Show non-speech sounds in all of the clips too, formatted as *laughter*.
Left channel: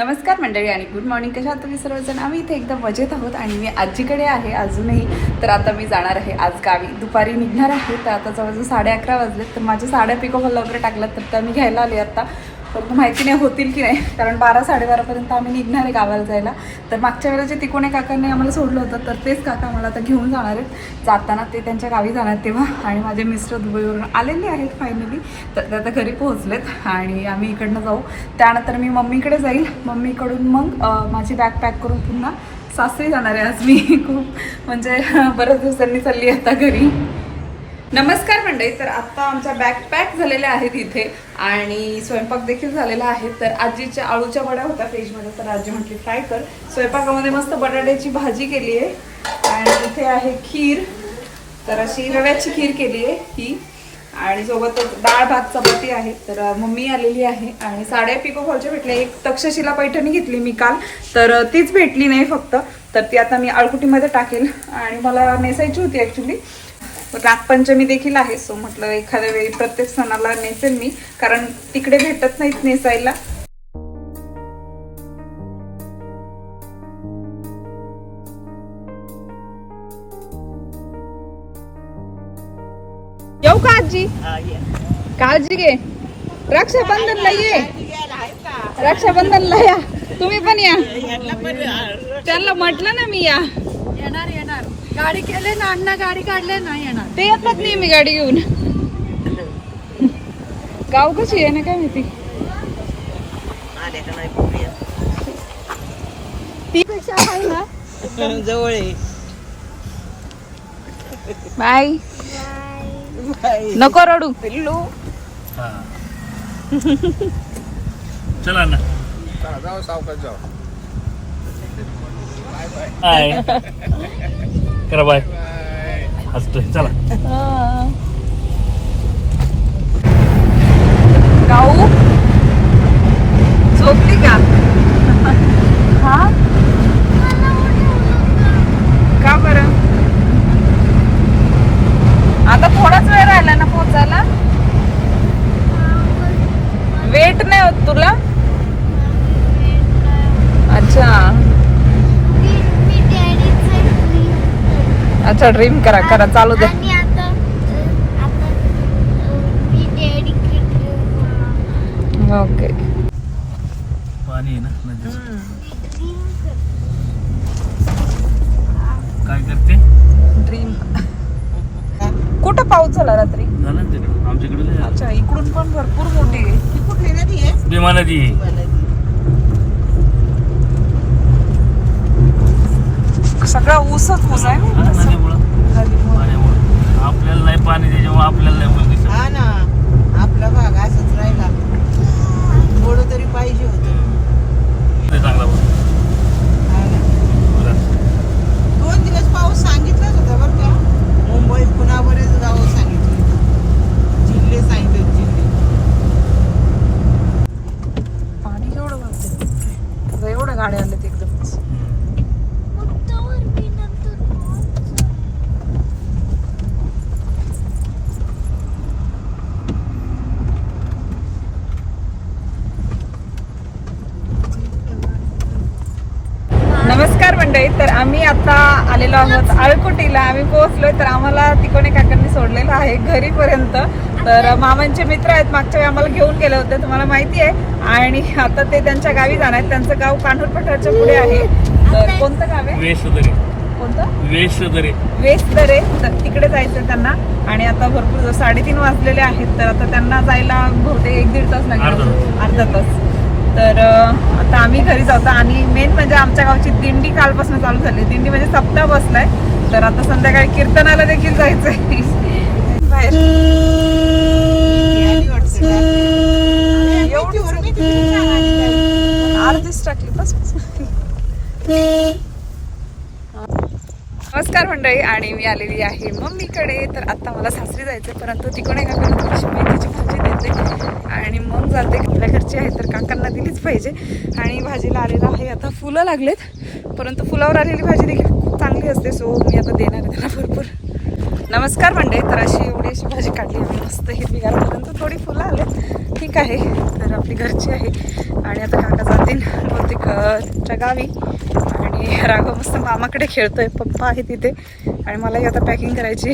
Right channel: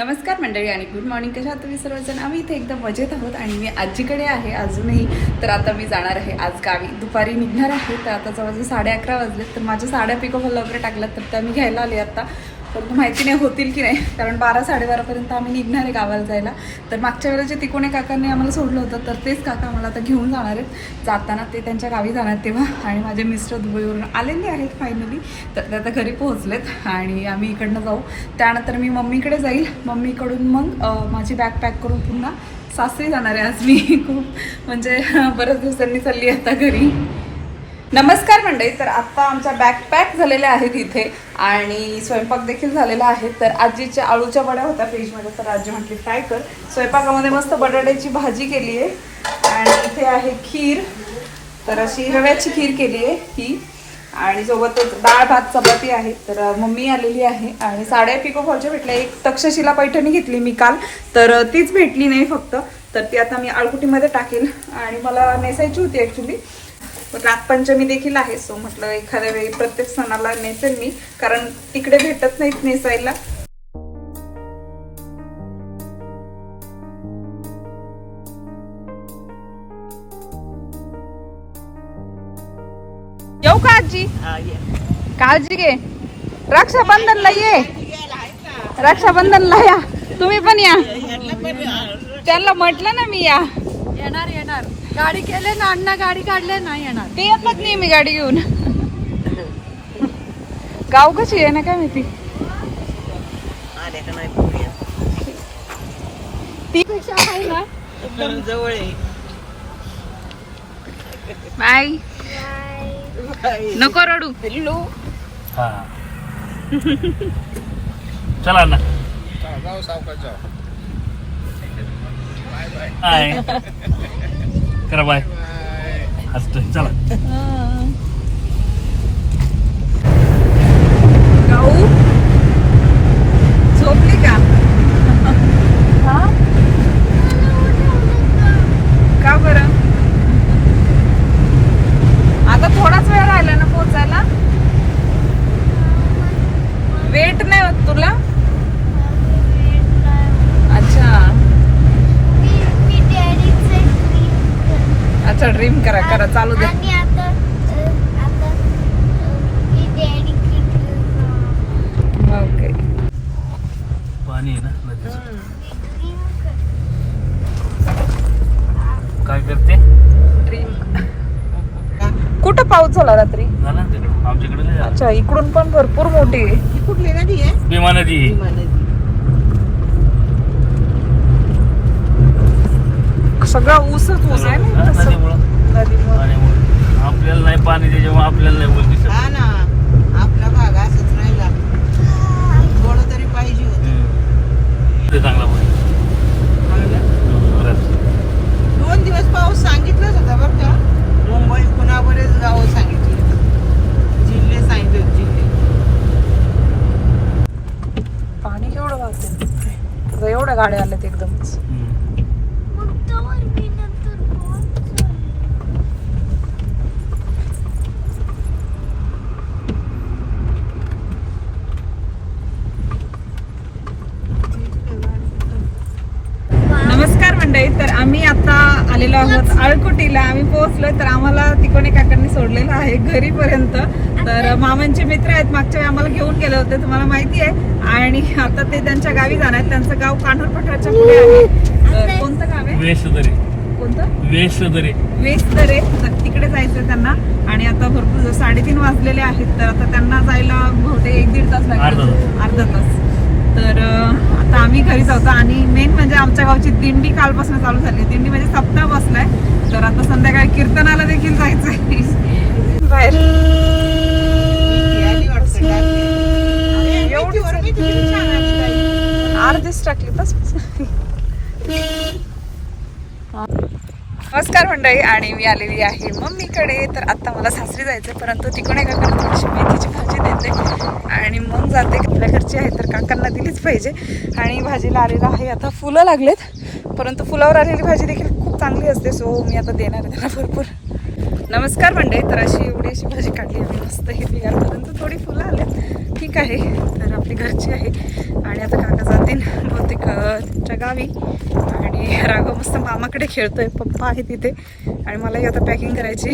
नमस्कार मंडळी आणि गुड मॉर्निंग कशा आता तुम्ही सर्वजण? आम्ही इथे एकदम मजेत आहोत आणि मी आजीकडे आहे अजूनही. तर आता मी जाणार आहे. आज गावी. दुपारी निघणार आहे. तर आता जवळजवळ साडे अकरा वाजलेत. तर माझ्या साड्या पिकोफॉल वगैरे टाकल्यात तर त्या मी घ्यायला आले आता. परंतु माहिती नाही होतील की नाही. कारण बारा साडेबारापर्यंत आम्ही निघणार आहे गावाला जायला. तर मागच्या वेळेला जे तिकोणे काकांनी आम्हाला सोडलं होतं तर तेच काका मला आता घेऊन जाणार आहेत. जाताना ते त्यांच्या गावी जाणार तेव्हा. आणि माझे मिस्टर दुबईवरून आलेले आहेत फायनली तर ते आता घरी पोहोचलेत आणि आम्ही इकडनं जाऊ. त्यानंतर मी मम्मीकडे जाईल. मम्मीकडून मग माझी बॅग पॅक करून पुन्हा सासरी जाणार आहे. आज मी खूप म्हणजे बऱ्याच दिवसांनी चालली आहे आता घरी. नमस्कार मंडळी तर आत्ता आमच्या बॅग पॅक झालेल्या आहेत इथे आणि स्वयंपाक देखील झालेला आहे. तर आजीच्या आळूच्या वड्या होत्या फ्रीजमध्ये तर आजी म्हटली फ्राय कर. स्वयंपाकामध्ये मस्त बटाट्याची भाजी केली आहे. आणि इथे आहे खीर. तर अशी रव्याची खीर केली आहे ही. आणि सोबतच डाळ भात चपाती आहे. तर मम्मी आलेली आहे. आणि साड्या पिको फॉलच्या भेटल्या एक तक्षशिला पैठणी घेतली मी काल. तर तीच भेटली नाही फक्त. तर ती आता मी आळकुटीमध्ये टाकेल. आणि मला नेसायची होती ॲक्च्युली नागपंचमी देखील आहे सो म्हटलं एखाद्या वेळी प्रत्येक सणाला नेसेल मी कारण तिकडे भेटत नाहीत नेसायला. येऊ का आजी? काळजी घे. रक्षाबंधनला ये. रक्षाबंधनला या. तुम्ही पण या. त्यांना म्हटलं ना मी या. येणार येणार. गाडी केले ना अण्णा गाडी काढले नाही येणार. ते येतच नाही मी गाडी घेऊन. गाव कशी आहे ना काय माहिती? ती पेक्षा आहे ना. जवळ आहे. बाय. नको रडू. पिल्लू. चला ना. जाऊ सावकाश जाऊ. *laughs* करा बाय. हसतोय. चला. गाऊ? झोपली का? हा? का बरं? आता थोडाच वेळ राहिला ना पोचायला वेट नाही होत तुला अच्छा अच्छा ड्रीम करा करा चालू दे. आणि आता अ, आता अ, मी डॅडी ओके. पाणी आहे ना नदीचं? काय करते? ड्रीम कुठं पाऊस झाला रात्री? झालं ना ते आमच्याकडे झालं. अच्छा इकडून पण भरपूर मोठी आहे. भीमा नदी सगळा ऊसच ऊस आहे हा, ना. नदीमुळं. पाण्यामुळं आपल्याला नाही पाणी त्याच्यामुळे आपल्याला नाही दिसत. हा ना. आपला भाग असंच राहिला. थोडं तरी पाहिजे होतं. ते चांगला पण. हा ना? खरंच. दोन दिवस पाऊस सांगितलंच होता बरं का. मुंबई पुन्हा बरेच गावं सांगितली जिल्हे सांगितले जिल्हे. पाणी वाहते? आता एवढ्या गाड्या नमस्कार मंडळी तर आम्ही आता आलेलो आहोत आळकुटीला. आम्ही पोहोचलोय तर आम्हाला तिकोणे काकांनी सोडलेलं आहे घरीपर्यंत. तर मामांचे मित्र आहेत मागच्या वेळी आम्हाला घेऊन गेले होते तुम्हाला माहिती आहे. आणि आता ते त्यांच्या गावी जाणार आहेत. त्यांचं गाव कान्होर पठारच्या पुढे आहे. तर कोणतं गाव आहे? वेशदरे. कोणतं? वेशदरे. वेस्तरे तर तिकडे जायचं त्यांना. आणि आता भरपूर साडेतीन वाजलेले आहेत तर आता त्यांना जायला बहुतेक एक दीड तास लागेल. अर्धा तास. तर आता आम्ही घरी जातो आणि मेन म्हणजे आमच्या गावची दिंडी कालपासून चालू झाली. दिंडी म्हणजे सप्ताह बसलाय. तर आता संध्याकाळी कीर्तनाला देखील जायचंय. बाहेर. अर्धीच टाकली बस नमस्कार मंडळी आणि मी आलेली आहे मम्मीकडे. तर आता मला सासरी जायचं परंतु तिकडे काकांना थोडीशी मेथीची भाजी जाते आणि मग जाते. आपल्या घरची आहे तर काकांना दिलीच पाहिजे. आणि भाजीला आलेलं आहे. आता फुलं लागलेत. परंतु फुलावर आलेली भाजी देखील खूप चांगली असते. सो मी आता देणार त्यांना भरपूर. नमस्कार मंडळी. तर अशी एवढी अशी भाजी काढली आहे. मस्त हिरवी परंतु थोडी फुलं आले ठीक आहे. तर आपली घरची आहे. आणि आता काका जातील. बहुतेक त्यांच्या गावी. आणि राघव मस्त मामाकडे खेळतोय. पप्पा आहे तिथे आणि मलाही आता पॅकिंग करायची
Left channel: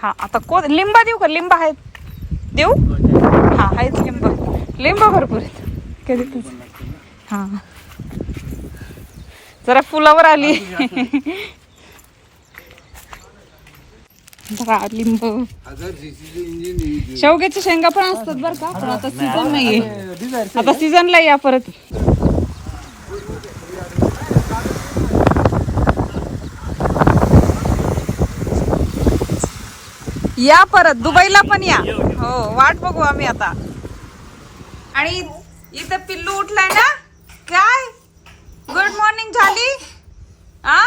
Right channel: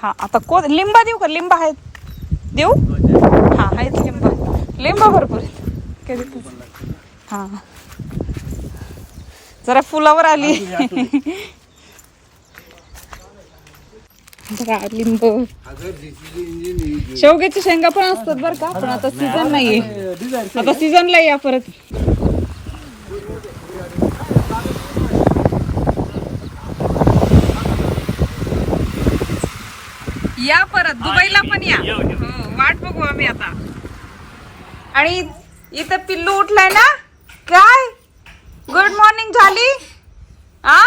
हा आता को लिंबा देऊ का? लिंबा आहेत. देऊ? हा आहेत लिंबा. लिंबा भरपूर आहेत. कधी हा. जरा फुलावर आली. बघा लिंब. शेवग्याची शेंगा पण असतात बरं का पण आता सीझन नाहीये. आता सीझनला या परत. या परत दुबईला पण या. हो वाट बघू आम्ही आता. आणि इथं पिल्लू उठलाय ना? काय? गुड मॉर्निंग झाली? आ?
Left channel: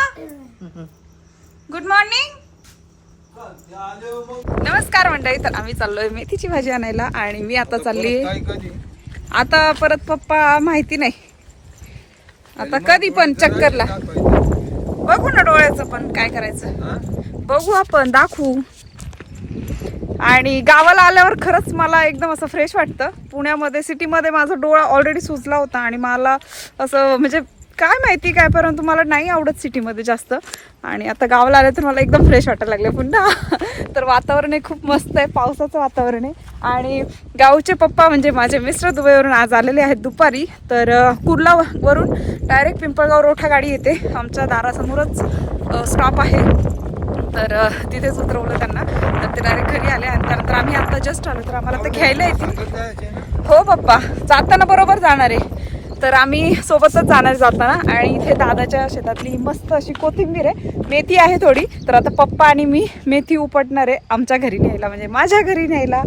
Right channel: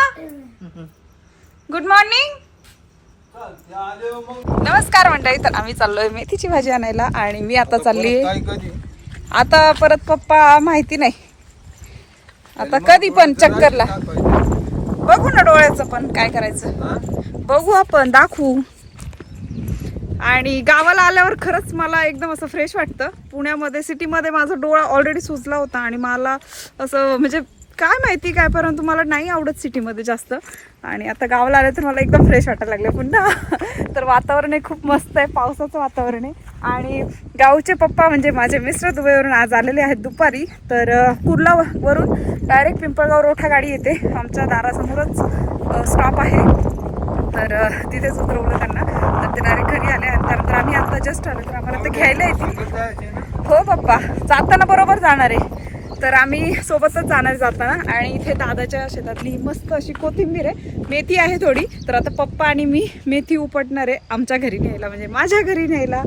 गुड मॉर्निंग नमस्कार मंडळी तर आम्ही चाललोय मेथीची भाजी आणायला आणि मी आता चालली आता परत पप्पा माहिती नाही. आता कधी पण चक्करला. बघू ना डोळ्याचं पण काय करायचं. बघू आपण दाखवू. आणि गावाला आल्यावर खरंच मला एकदम असं फ्रेश वाटतं. पुण्यामध्ये सिटीमध्ये माझा डोळा ऑलरेडी सुजला होता आणि मला असं म्हणजे काय माहिती काय परंतु मला नाही आवडत सिटीमध्ये जास्त. आणि आता गावाला आले तर मला एकदम फ्रेश वाटायला लागले पुन्हा. *laughs* तर वातावरण हे खूप मस्त आहे पावसाचं वातावरण आहे. आणि गावचे पप्पा म्हणजे माझे मिस्टर दुबईवरून आज आलेले आहेत दुपारी. तर कुर्ला वरून डायरेक्ट पिंपळगाव रोठा गाडी येते. आमच्या दारासमोरच स्टॉप आहे. तर तिथेच उतरवलं त्यांना. आणि ते डायरेक्ट घरी आले त्यानंतर आम्ही आता जस्ट आलो तर आम्हाला ते घ्यायला येतील. हो पप्पा जाताना बरोबर जाणार आहे. तर आम्ही सोबतच जाणार जाताना आणि इथे दादाच्या शेतातली मस्त अशी कोथिंबीर आहे. मेथी आहे थोडी तर आता पप्पा आणि मी मेथी उपटणार आहे आमच्या घरी न्यायला म्हणजे माझ्या घरी न्यायला.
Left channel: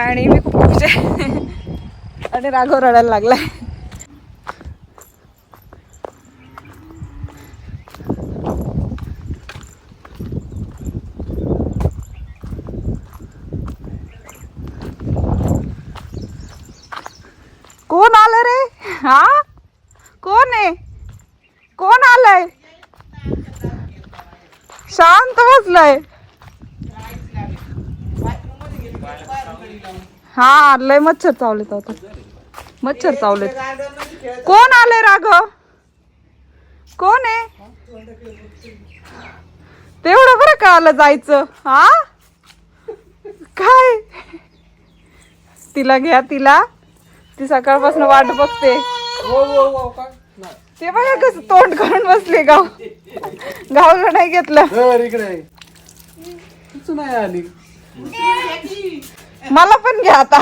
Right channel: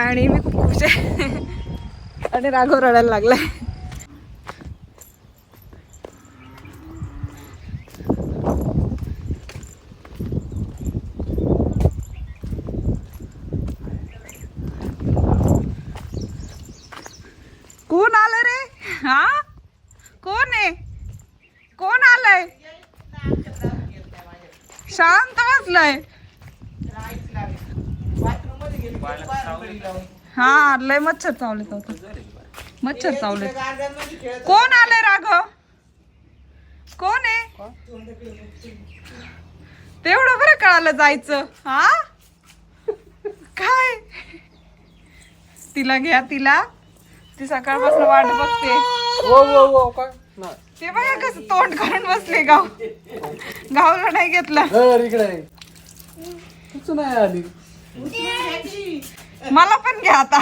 आणि मी खूप खुश आहे. *laughs* आणि राघव रडायला लागलाय कोण आलं रे हा? कोण आहे? कोण आलंय? शांत बसलंय. हा लय मच्छर चावलेत आता. मच्छर चावलेत. कोण आलंय राघव? कोण आहे? तेवढं बरं कळालं जायचं हा? काय? तिला घ्या तिला. ती सकाळपासून वाट बघते. ते बघा कसं तोंड करून बसले गाव. गावला नाही घेतलं. नाही आली? मला पण घ्या आता.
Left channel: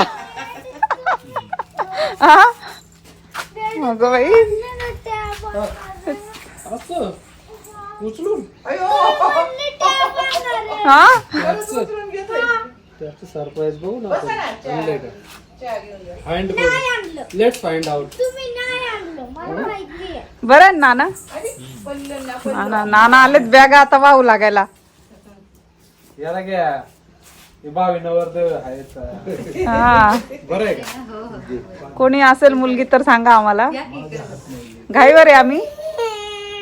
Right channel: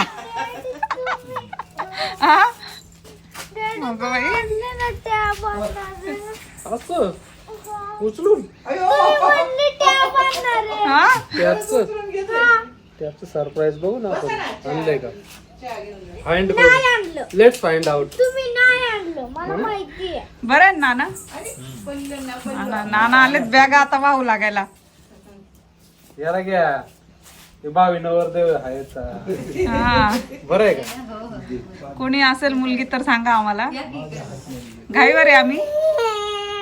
हा? अगं बाई. असं? उचलून? हा? सरप्राईज बघू ना आपण. आणलंय का? फाइंड लेट्स फाइंड आउट तुम्ही नाही आणलं मला माहिती आहे बरं आहे. ना नाना? नाना नाना आलेत बॅगा आता वाहू लागायला. याला घ्या. हे बावी नवरदेव आहेत. हा. बरं आहे का? कोणी असेल मुलगी तर सांगा आम्हाला. घाईवर आहे आम्ही.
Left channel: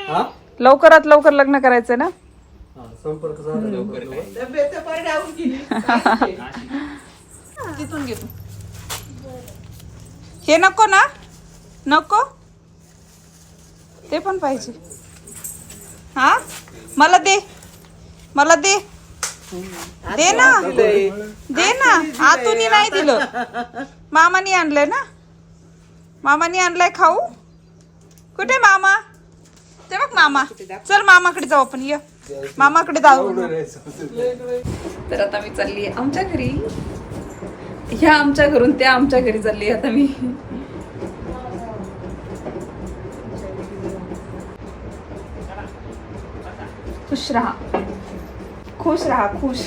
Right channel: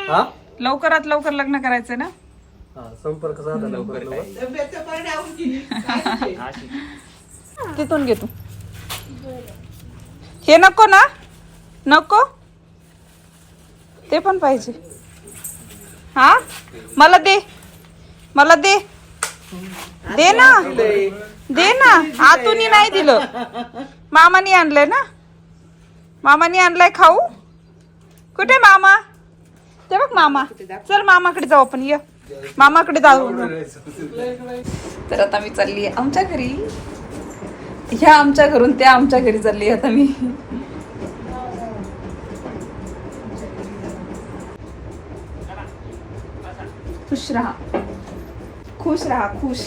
हा? लवकरात लवकर लग्न करायचंय ना? हा संपर्क साधा लवकर. तिथून घे तू. हे नको ना? नको? ते पण पाहिजे. हा? मला दे. मला दे. दे ना. दे ना. आतून नाही दिलं. मामानी आणलंय ना? मामानी आणलंय खाऊ. कुठे मामा? ते बघ मामा. चल मामाकडे जाऊ आपण ये. मामाकडे जाऊ. तर आता मी चालली आहे आमच्या घरी. ह्या आमच्या घरून त्या आमच्या घरी चालली आता मी. खुश राहा। खुश राहा खुश।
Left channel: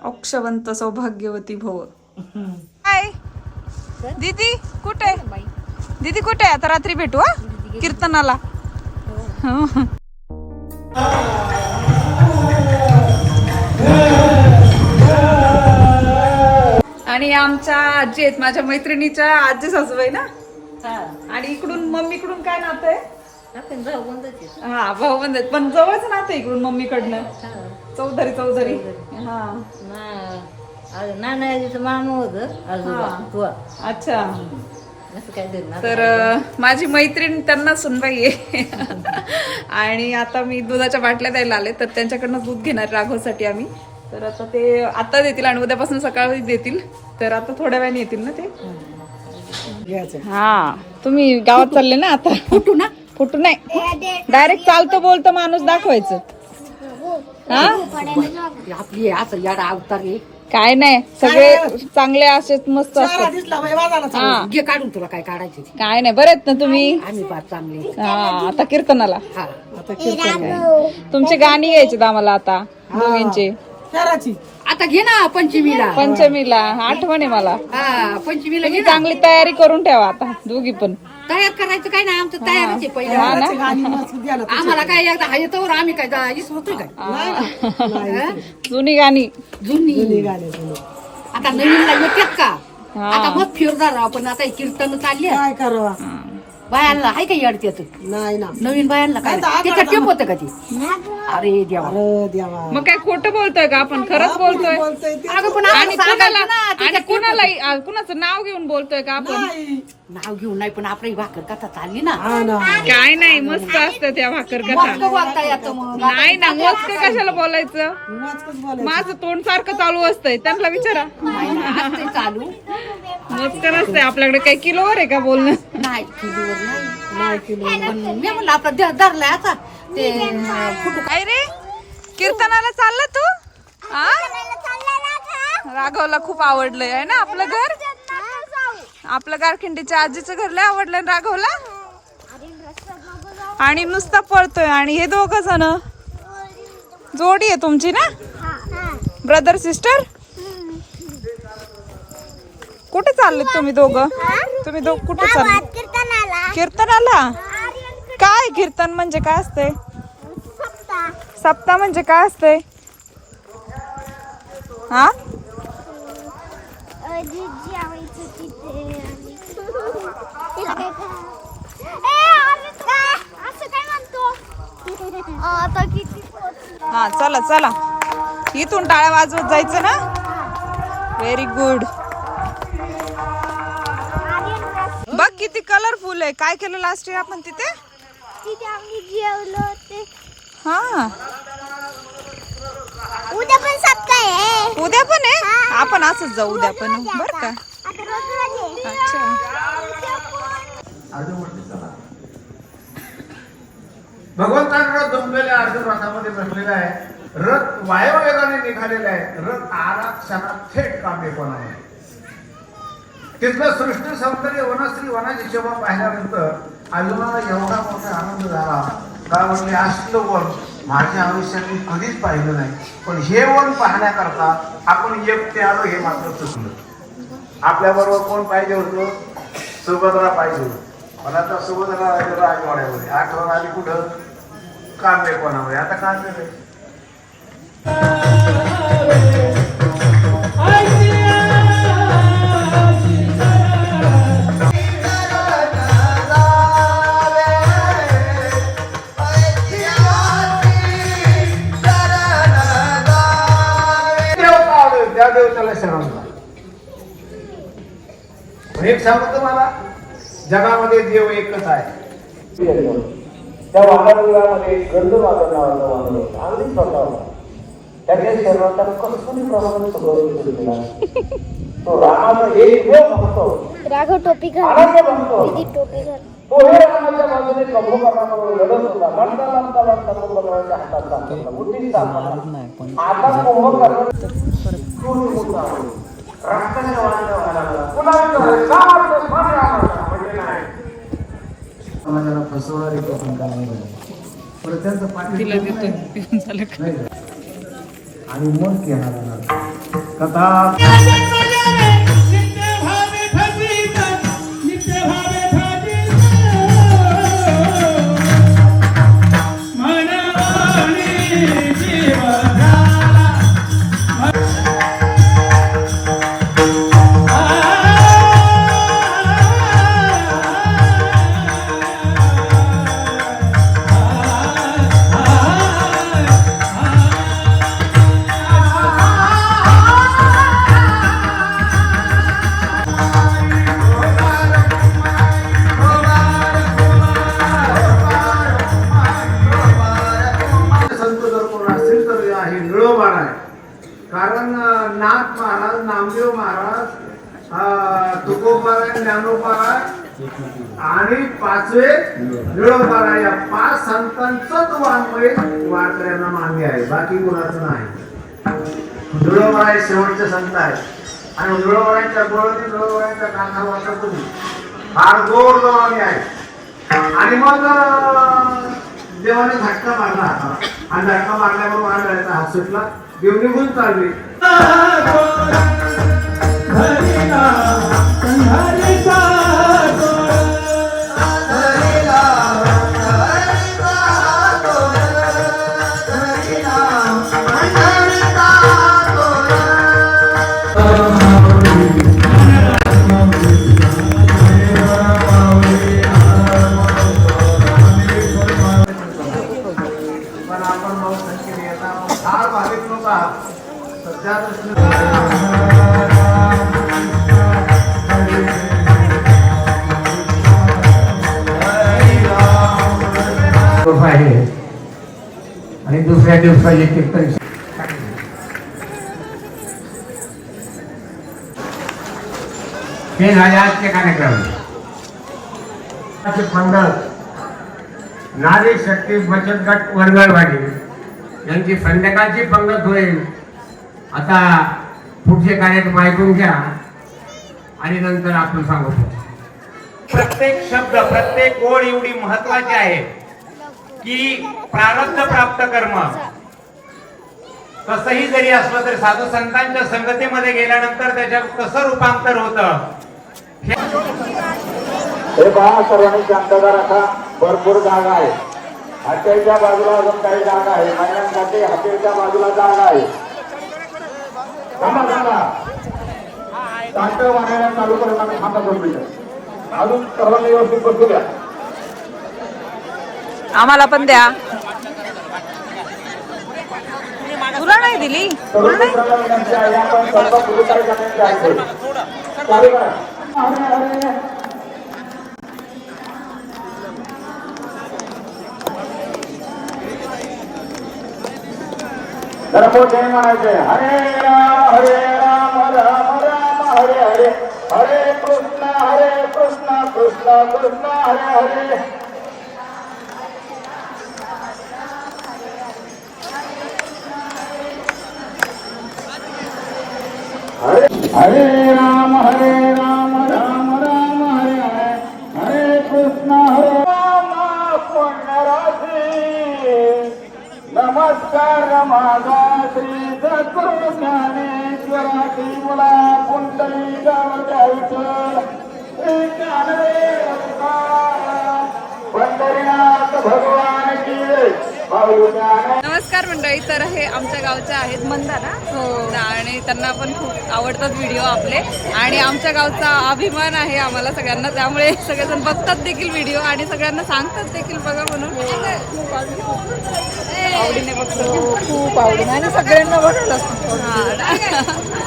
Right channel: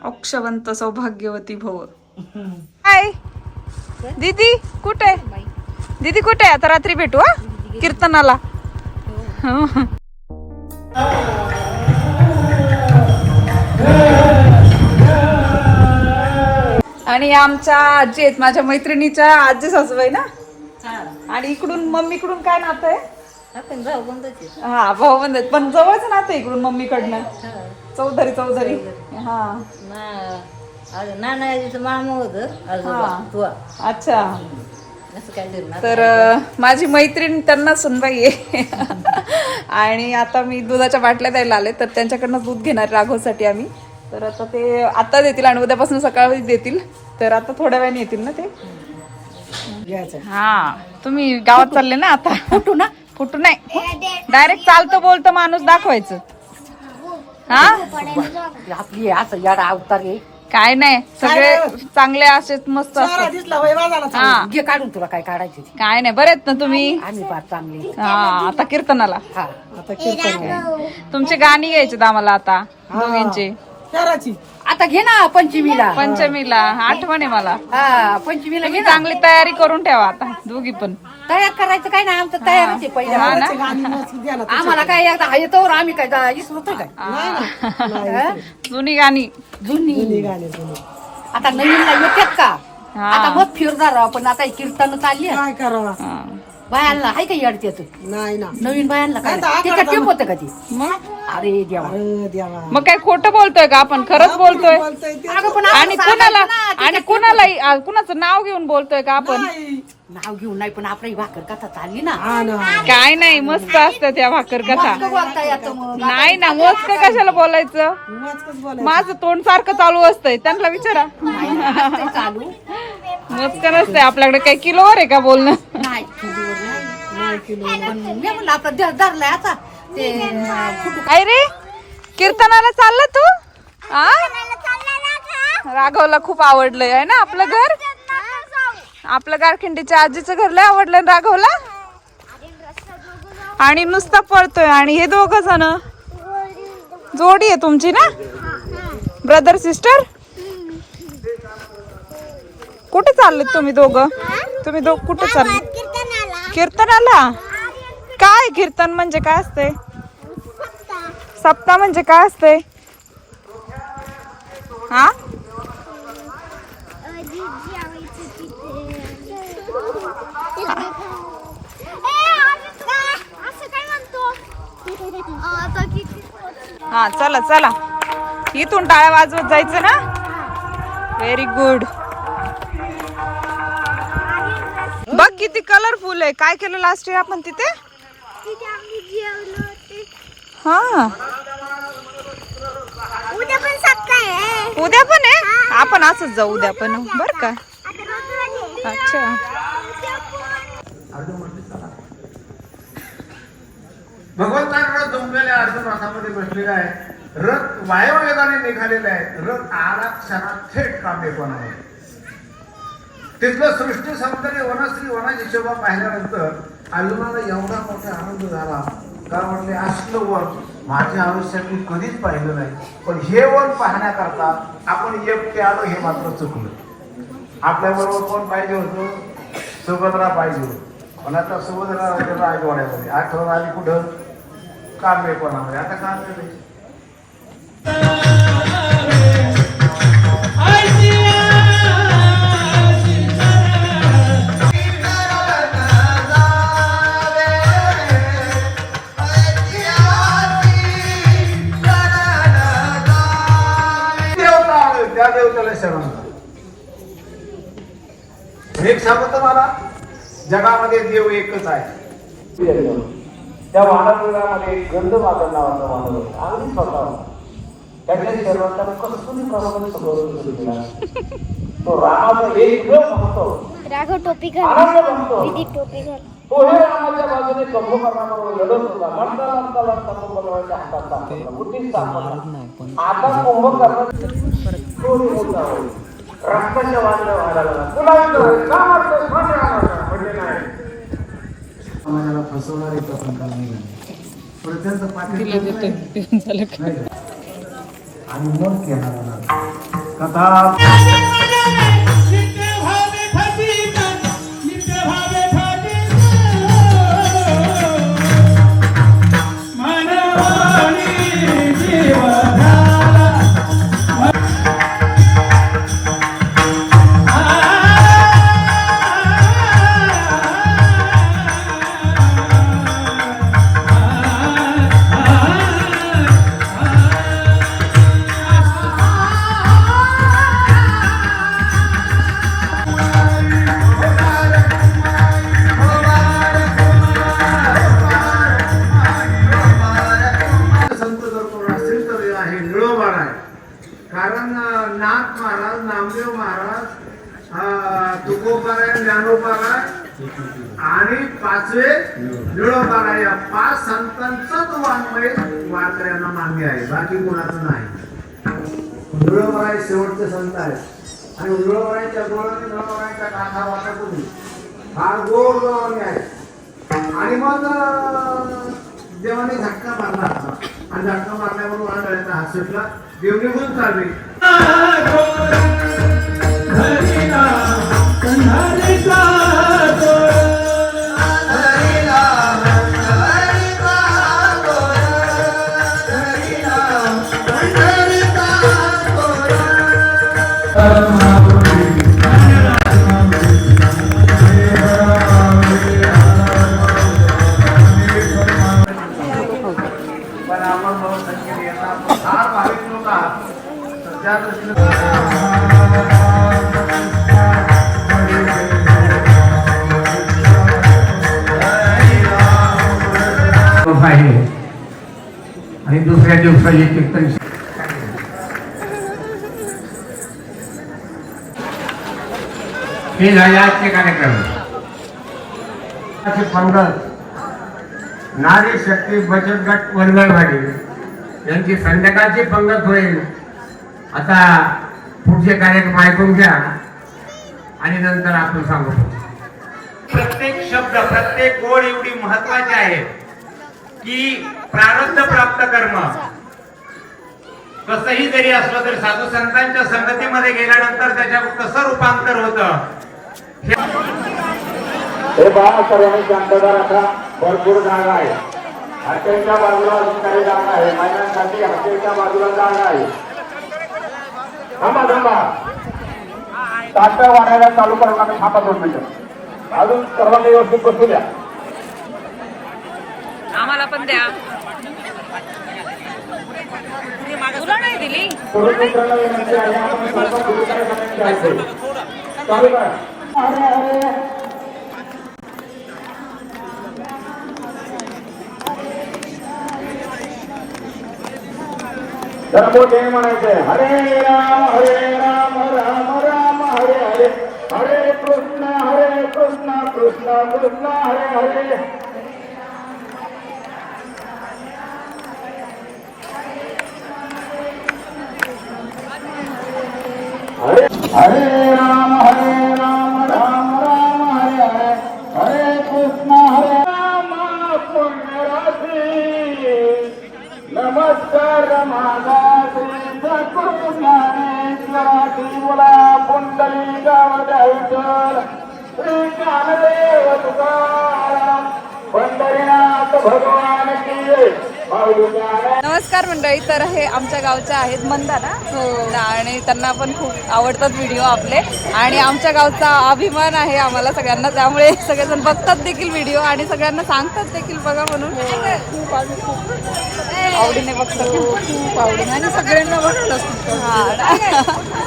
अक्षवंत सौभाग्यवती भव। हाय। दीदी कुठे? दीदी कुठे? आता रात्री भेटू हा? कीर्तनाला. हो. आणि आमच्या आजी आहेत माझ्या मैत्रिणीच्या आजी सासूबाई ना? आणि इकडून मम्मीकडून काय नातं आहे? आपण जाऊ बंदच हा भाऊ बंद आहेत. पण जवळच नातं आहे इकडून मम्मीकडनं. चौधरी चौधरी. हा. नानाजीचं मामा होतं आजोबा हा. अच्छा. असं काय दिलं तर अं, माझी मैत्रीण त्यांना सुनबाई आहे. *laughs* आणि आता मी दुधाच्या बाटल्या द्यायला आले तर त्यांच्याकडनं दूध घेणार राघवसाठी आम्ही. तर आता ते आता देतील आणि उद्यापासून सकाळी देतील. तर आता थोड्या वेळाने येतील ना ते? घ्यायचं. हा. तुम्ही गावात चालले ना आता? फुटू ना? फुटू नाही. डायरेक्ट चालतो बोलतो माणूस दाखवायचं. हा? आपली असं याडा अवतार आहे. काय नाही. सगळे चांगले असेच मस्त असतात. हा. घे काढून तुला काय काढायची. काय नाही. बरे आहेत ना तुम्ही? आम्ही फार चांगली हा आता कीर्तनाला. हा. आता कीर्तन तुमचे गाणी यायचे आम्हाला आता दोघींचे चाराची. आता घे ना पंचमीला. पंचमीला आठवण आहे मला. हा पंचमीला घे तुम्ही ना. चांगली तयारी करून ठेवा आता दोघी पण. तयार करायचं काय नाही आमचं तयारच आहे पहिलं. हा? गाणी. आम्हाला काय एकदा हा येतो आम्ही काय जा- विसरतोय काय? हा? जुनी गाणी. जुनी. जुनी गाणी जुनी. आता नवीनला येतात का? हा. आता मग फिरणार आहोत, पण आता कीर्तन चालली. आहे. काय करावा? बायांना आहे का अडचत नाही ना. नवीन बायांना काय? त्याच्यात टेप होतं का ती? अरे देवा. अरे देवा. मग काय खोटं बोलतोय का आपण? खरंच बोलतोय. बोलतोय ते अगं पण आणि आपण कुणाला सांगायचं ना, आणि त्याच्यात आ, कुणाचं नाव घेऊन बोलतोय का आपण? नाही. नाव घेऊन नाही पण आपली भाकर कथा चालली ना. हा ना. काय नाही मस्त असतं त्या भाकर कथा. मस्त बोलता येतं मग. नाही ना मस्त कशाला बोलायचं? वाचकच बोलायचं. माझं तोंड सारखं चालू असतंय. त्यांना विचारा. असतंय चालू. मस्त नसतंय. आपल्याकडे काही किलोवर आहे का बोलणं? नाही चुलीवर नाही नाही किलो पण मी म्हणलं आता ध- धरलाय आता. ते अं, फुटू काय रे कीर्तनाला चालला तू? आ? राघवला खूप आवडलंय आहे ना आपलं घर? आपलं गारखिंडीच्या आजीचं घर लय आवडलंय ना राघवला? आणि नुसता पळतोय आणि हे दोघ जण? जोडी आहे तुमची ना? ब्रदर सिस्टर कुठे चालले तुम्ही दोघं? तुम्ही दोघ कुठे चालले? कीर्तनाला? काय कीर्तन म्हणजे काय असते सप्ताह म्हणजे काय असते हा? हा चला चला. इथून टाळ्या वाजवत जायचं ना? व्हेरी गुड बघ किती कलरफुल आहे. काय केलं लास्ट इयर आपण तिथे? हा. उद्या पण आहे. उद्या पण आहे? आपण असंच जाऊ उद्या पण बर का? अच्छा. भगवंतांकडे जमलेल्या अर्जुन रथामध्ये बसलेला आहे. रथ वायववेगाने निघालेला आहे. रथ आला क्षणात थेट कामेपणावर तिथलं सृष्टी सौंदर्य वनश्री वनाची शोभा पाहिल्यानंतर अर्जुनाला एवढा मोठा आनंद झाला. का म्हणजे असलं वन माझ्या आयुष्यात मी कधीच पाहिलं नाही. पण हे वन पाहण्याकरता आपण एकटे आलो हे मात्र चुकलं. आपल्याबरोबर कोण पाहिजे होतं? सुभद्रा पाहिजे होतं. पण आता सुभद्रा राजाला आठवण्यामध्ये आठवण आली कुठं? कामेपणामध्ये आता काय नाही एक सांगतो तुम्हाला? जगामध्ये देव एकच आहे. त्या नावाचा स्वतः त्याच्या प्रमाणे सगळं केला. तो रामाचा एक राघव टोपी तो हे रामाच्या बाजूने कुंभकर्णाबरोबर लढत होता. लढता लढता लढता कुंभकर्णाच्या हातात आता वाटण्या समाजाला फसवणारी त्यांचं नाही. आणि मग केला कथा. आहे बाकी कोणाचं नाही. निळोबाराय शेवटचे संत आहेत. आणि निळोबारायच्या गोळी निळोबारायच्या गाथा वाचतून फार गोड जबानी आहे. आणि मग देवाने झटका मारला आता आणि झटका मारल्यावर वाढायचा हात सुटला. देव निघून चालले. आहे आणि दुसऱ्या दिवसाचे कीर्तन. हे झाले आजचे कार्यक्रम पंगत नारी शक्ती बचत गट वरगळवाडी यांची संध्याकाळची पंगत होईल. आता पुढचे कार्यक्रम ऐकून घ्या. आणि नंतर आपण सांगू प्रत्येक शब्द प्रत्येक ओळ एवढी महत्वाची आहे की प्रारब्ध प्राप्त कर्म. कसंही जरी असलं तरी साधू संतांच्या संगतीमध्ये गेल्यानंतर त्याच्यात कसं रूपांतर होतं? हे पहा सर्वांनी शांतता राखा भरपूर जागा आहे. हॉटेलच्या बाजूला अजून काही जागा आहे. बाजूला जागा आहे. थांबा थांबा वाढायला चालू करून आम्ही थांबा दोन मिनिटं. अजून सर्वांनी व्यवस्थित बसू द्या. आम्हाला पण द्या. तुला नाही दिली? सर्व मित्रांना विनंती आहे आपण सर्व पुढे काही जणांनी जायचंय चालू करा अरे, अरे. जरा मोठे म्हणायचे हरे राम हरे राम ज्ञानेश्वराची गाणं द्यायचं पंढरीनाथ भगवान की नमस्कार मंडळी तर हे आमच्या गावच्या आहेत मंदा ना? आणि त्यांना पण खूप आवडतात व्हिडिओ आपले. आणि आमच्या गावचा अभिमान आहे आम्हाला सगळ्यांना. त्यामुळे सगळेजण बघतात देखील व्हिडिओ आणि सगळ्यांना सांगतात देखील बघा म्हणून. खूप आम्ही खूप आवडीने बघतो खूप आवडीने. आणि सगळ्यांना बघतात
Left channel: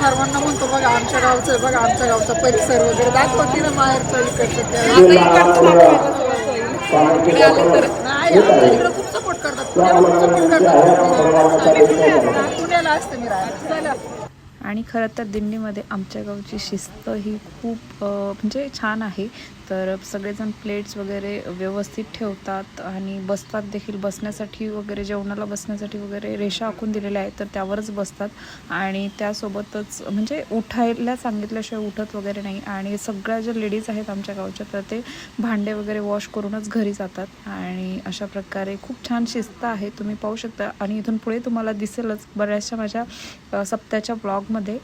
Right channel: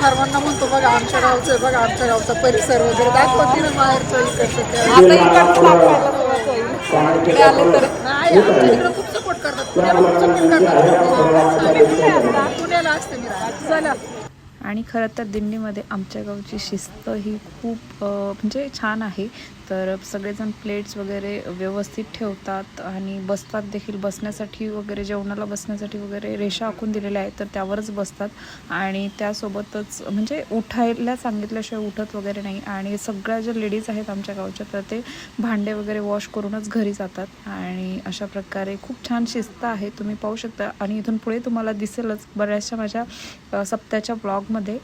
सर्वांना म्हणतो बघा आमच्या गावचं बघा आमच्या गावचा परिसर वगैरे दाखवते ना आता इकडचं दाखवायला इकडे आले तर. नाही आमच्या इकडे खूप सपोर्ट करतात. पुण्याला खूप सपोर्ट करतात. पुण्याला असते मी. आणि खरं तर दिंडीमध्ये आमच्या गावची शिस्त ही खूप म्हणजे छान आहे. तर सगळेजण प्लेट्स वगैरे व्यवस्थित ठेवतात आणि बसतात देखील. बसण्यासाठी वगैरे जेवणाला बसण्यासाठी वगैरे रेषा आखून दिलेल्या आहेत तर त्यावरच बसतात. आणि त्यासोबतच म्हणजे उठायला सांगितल्याशिवाय उठत वगैरे नाही. आणि सगळ्या ज्या लेडीज आहेत आमच्या गावच्या तर ते भांडे वगैरे वॉश करूनच घरी जातात. आणि अशा प्रकारे खूप छान शिस्त आहे. तुम्ही पाहू शकता. आणि इथून पुढे तुम्हाला दिसेलच बऱ्याचशा माझ्या सप्त्याच्या ब्लॉगमध्ये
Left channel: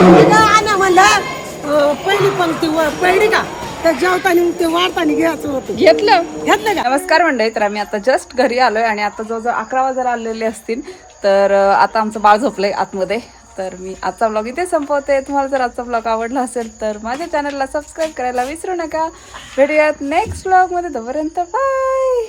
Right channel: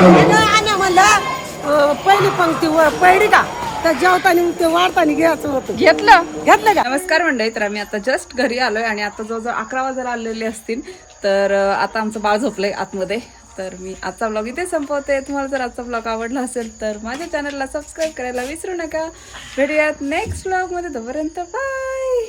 आणि म्हणलं पहिली पंक्ती व- पहिली का? तर जेवताना ते वाढताना घ्यायचं होतं. घेतलं? घेतलं का? नमस्कार मंडळी तर आम्ही आता जस्ट घरी आलोय आणि आता जवळजवळ अकरा वाजायला आलेले असतील. तर आता आमचं बाळ झोपलंय आतमध्ये. तर मी आजचा ब्लॉग इथे संपवते. तुम्हाला जर आजचा ब्लॉग आवडला असेल तर माझ्या चॅनलला सबस्क्राईब करायला विसरू नका. भेटूयात नेक्स्ट ब्लॉगमध्ये तोपर्यंत बाय